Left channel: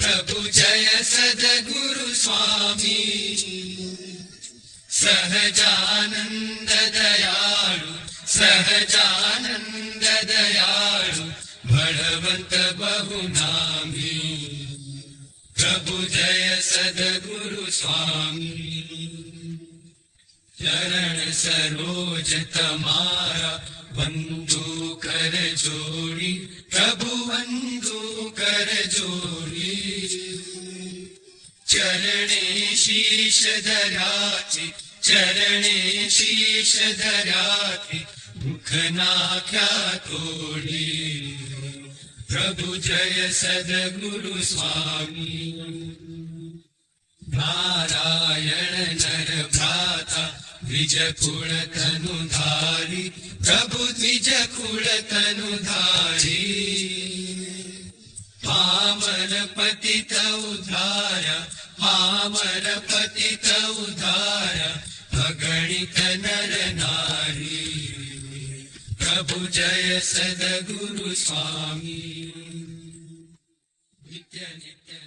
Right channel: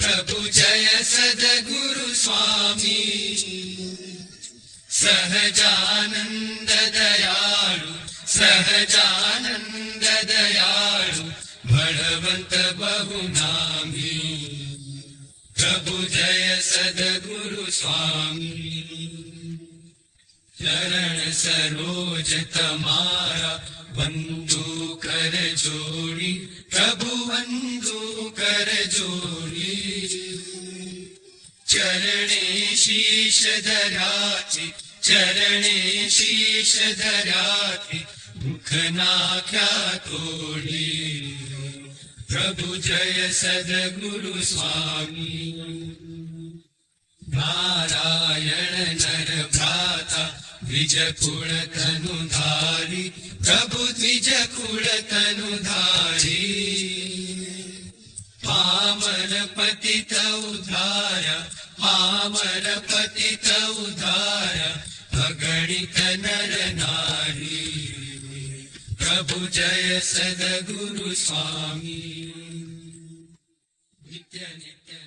प्रभु जय सद्गुरु स्वामी सहजानंद दयालु सहजानंद दयालु बलवंत बहुनामी प्रभु जय सद्गुरु स्वामी जय सरोज तमारा बंधु कर जोड़ी प्रभु बंधु कर जोड़ी चरणे शीश धराके चरणे शीश धराके मुखना क्या तोड़ी प्रभु जय सद्गुरु स्वामी नारायण भ्राता द्विज कुल तनुधारी प्रभु द्विज कुल तनुधारी पावन पतित उद्धारा पावन पतित उद्धारा अगणित नर नारी प्रभु जय सद्गुरु स्वामी नित्य नित्य